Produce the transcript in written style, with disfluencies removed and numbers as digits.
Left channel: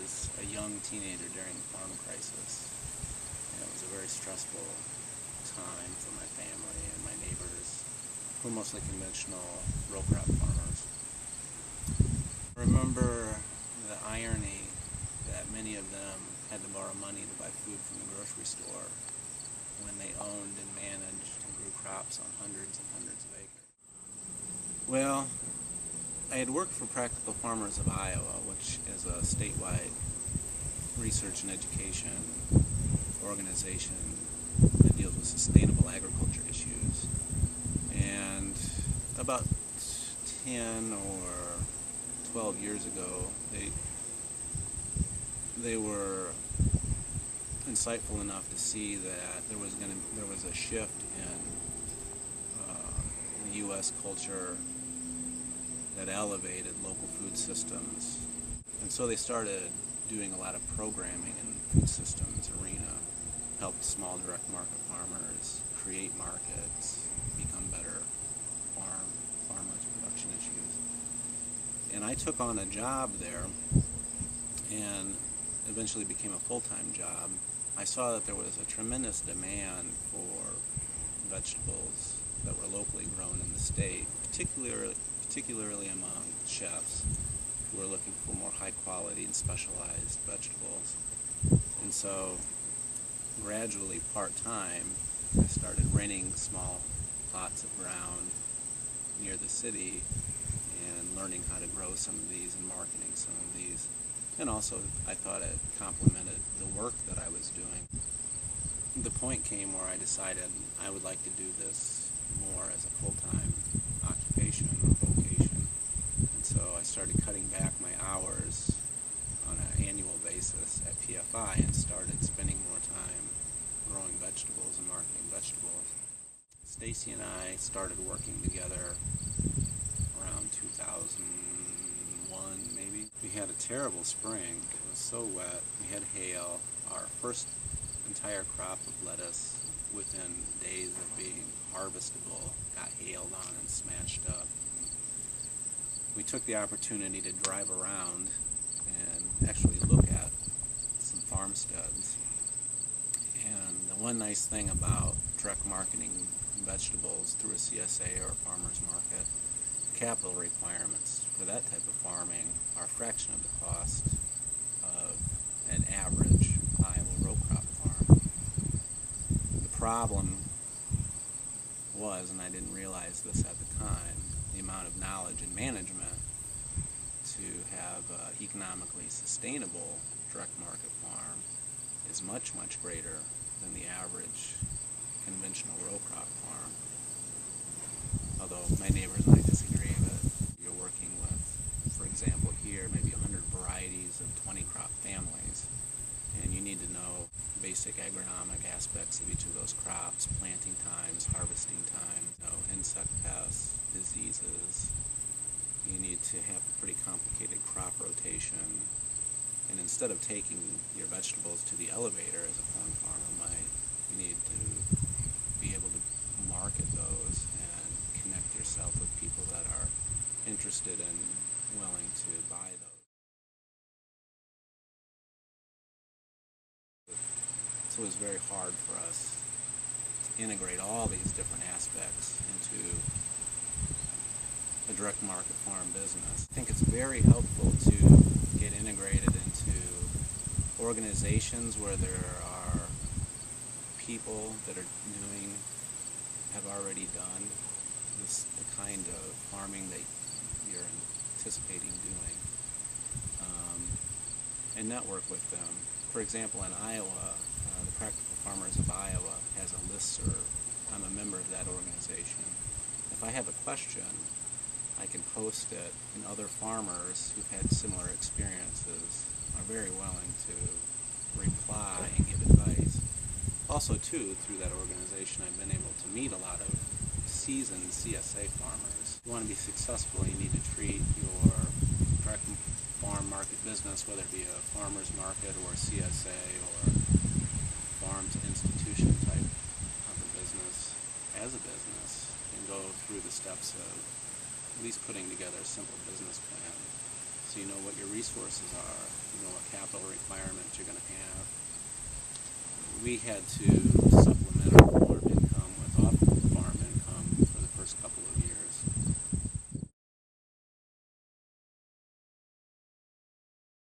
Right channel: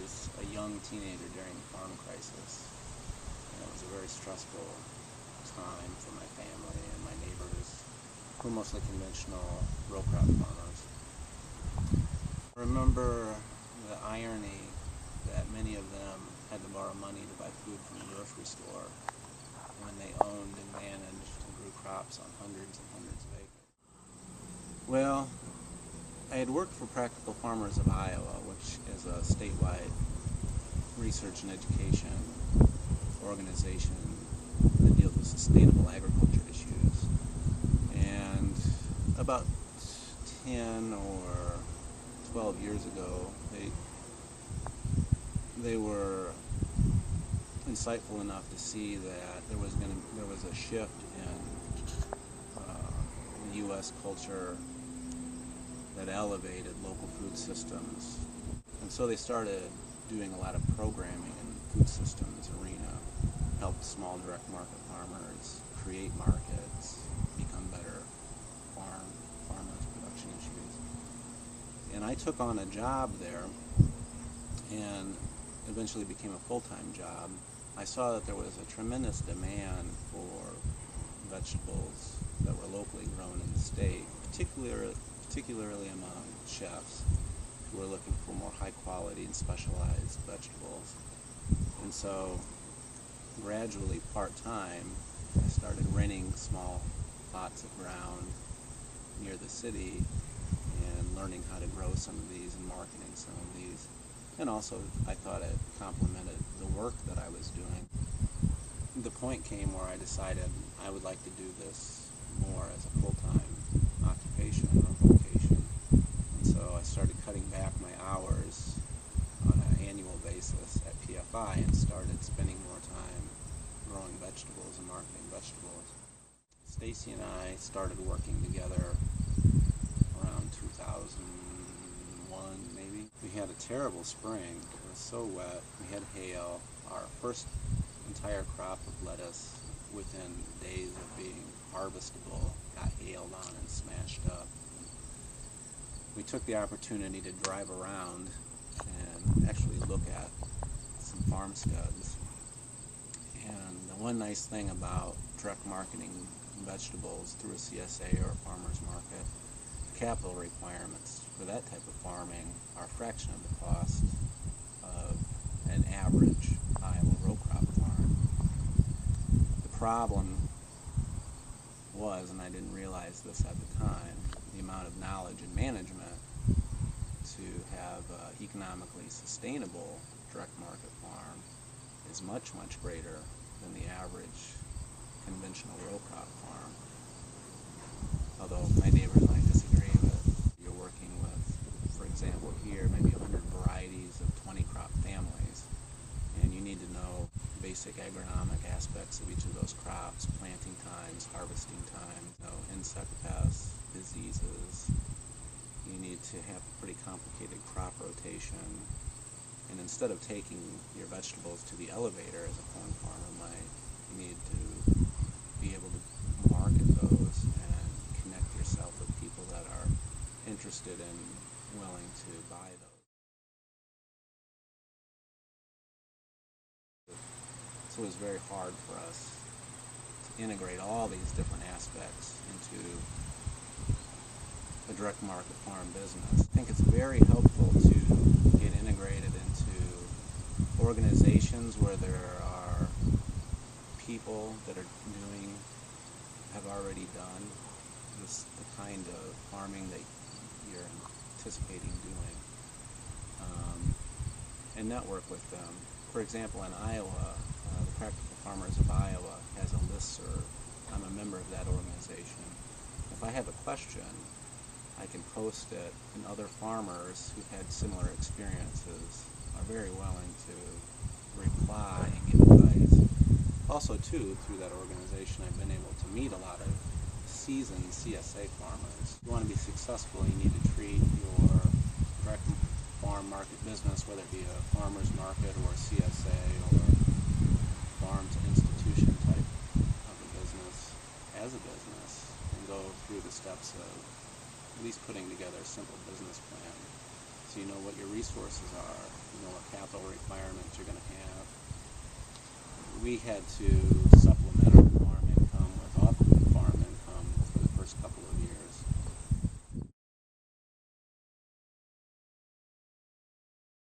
was a young teenager during the farm crisis, and it was a very stressful time for my family and my neighbors, who were mostly conventional row crop farmers. I remember the irony that many of them had to borrow money to buy food from the grocery store when they owned and managed and grew crops on hundreds and hundreds of acres. Well, I had worked for Practical Farmers of Iowa, which is a statewide research and education organization that deals with sustainable agriculture issues. And about 10 or 12 years ago, they were insightful enough to see that there was a shift in the U.S. culture that elevated local food systems, and so they started doing a lot of programming in the food systems arena, helped small direct market farmers create markets, become better farmers, production issues. And I took on a job there, and eventually became a full-time job. I saw that there was a tremendous demand for vegetables that were locally grown in the state, particularly among chefs who were looking for more high-quality and specialized vegetables. And so, gradually, part-time, I started renting small plots of ground near the city and learning how to grow some of these and marketing some of these. And also, I thought it complemented the work that I was doing. The point came where I decided I would like to do this more as a full-time occupation or vocation. And so I started cutting back my hours on an annual basis at PFI and started spending more time growing vegetables and marketing vegetables. Stacy and I started working together around 2001 maybe. We had a terrible spring. It was so wet. We had hail. Our first entire crop of lettuce, within days of being harvestable, got hailed on and smashed up. We took the opportunity to drive around and actually look at some farmsteads. And the one nice thing about direct marketing vegetables through a CSA or a farmer's market, the capital requirements for that type of farming are a fraction of the cost of an average Iowa row crop farm. The problem was, and I didn't realize this at the time, the amount of knowledge and management to have an economically sustainable direct market farm is much, much greater than the average conventional row crop farm. Although my neighbors and I disagree, but you're working with, for example here, maybe 100 varieties of 20 crop families, and you need to know basic agronomic aspects of each of those crops, planting times, harvesting times, insect pests, diseases. You need to have a pretty complicated crop rotation, and instead of taking your vegetables to the elevator as a corn farmer might, you need to be able to market those and connect yourself with people that are interested and willing to buy those. So it was very hard for us to integrate all these different aspects into a direct market farm business. I think it's very helpful to get integrated into organizations where there are people that are have already done the kind of farming that you're anticipating doing, and network with them. For example, in Iowa, the Practical Farmers of Iowa has a listserv. I'm a member of that organization. If I have a question, I can post it, and other farmers who've had similar experiences are very willing to reply and give advice. Also, too, through that organization, I've been able to meet a lot of seasoned CSA farmers. If you want to be successful, you need to treat your direct farm market business, whether it be a farmer's market or a CSA or farm to institution type of a business, as a business, and go through the steps of at least putting together a simple business plan So you know what your resources are, you know what capital requirements you're going to have. We had to